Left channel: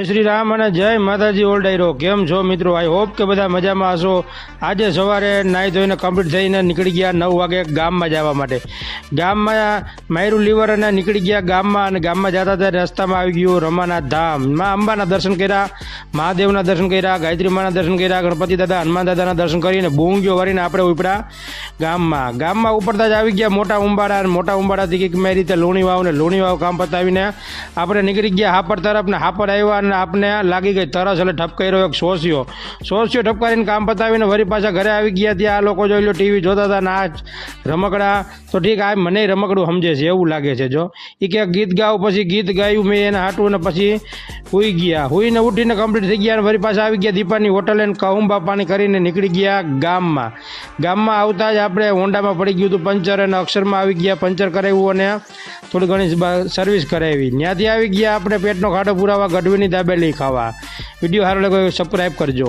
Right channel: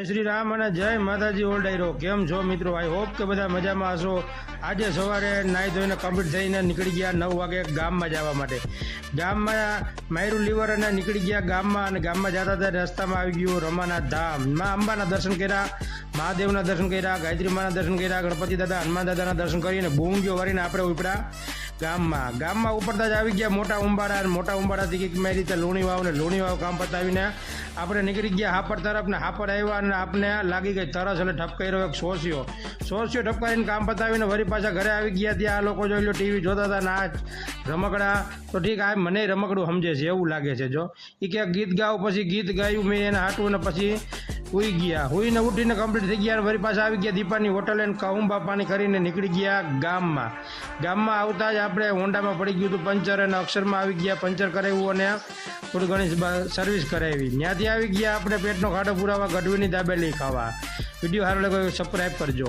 જય શ્રી રામ અને જય માતાજી ઓલ ડાયરો. કેમ છો મિત્રો? આઈ હોપ કે બધા મજામાં હશો. આજે સવારે નાહી ધોઈને કમ્પ્લીટ થઈને નીકળી ગયા 9 વાગે ગામમાં જવા માટે. ગામમાં માયરું લીવર અને નીકળી ગયા ગામમાં, અને ગામમાં જતા ત્યારે રસ્તામાં આવી ગયું રમાનાથ ધામ. માં અંબાના દર્શન કર્યા, મહાદેવના દર્શન કર્યા, ગાયત્રી માના દર્શન કર્યા, ગણપતિ દાદા, હનુમાન દાદાના દર્શન કરીને બૂંગીઓ વારીને આપણે ઉપડા ગામમાં ઉપડતા જ આવી ગયા મોટા ઉંબાડા, અને મોટા ઉંબાડાથી કંઈક મેં રીતે લુણી વાવ ને લુણી વાવ કામ પતાવીને આપણે નીકળી ગયા હાપડ તરફ. ને હાપડ આવ્યા અને આપણે લાગી ગઈ તરસ, એટલે ઠપકાઈ એક સોસિયો ઠપકારીને કામ પતાવીને વળી પાછા ઘરે આવી ગયા. ત્યાં આ લોકો જોઈ લો ટીવી જોતા હતા, નાચ રમકડા તો ઠીક, આ મને રમકડું સમજે છે એવું લાગે છે. જો એ ક્યાંક ગીત ગાવ, પછી ગીત ગાયું મેં એને હાટું, ને પછી હુઈ ગયા. હુઈને ઉઠીને કમ્પ્લીટ થઈ ગયા, અને વળી પાછા આવી ગયા દીપાની હોટલે કહુંબા પાણી કરીને નીકળી ગયા ગામમાં આવતા જ આપણે હોન્ડામાં પડી ગયું હતું પંચર, અને અક્ષરમાં આવી ગયા પંચર કરાવ્યું અને થોડી ઘણી સર્વિસ કરાવી. ત્યાંથી આવી ગયા આપણે પેટનો ખાડો પુરાવા, ગઢવીની દાબેલી ખાવા. વિડીયો સારો લાગ્યો સબસ્ક્રાઈબ કરજો.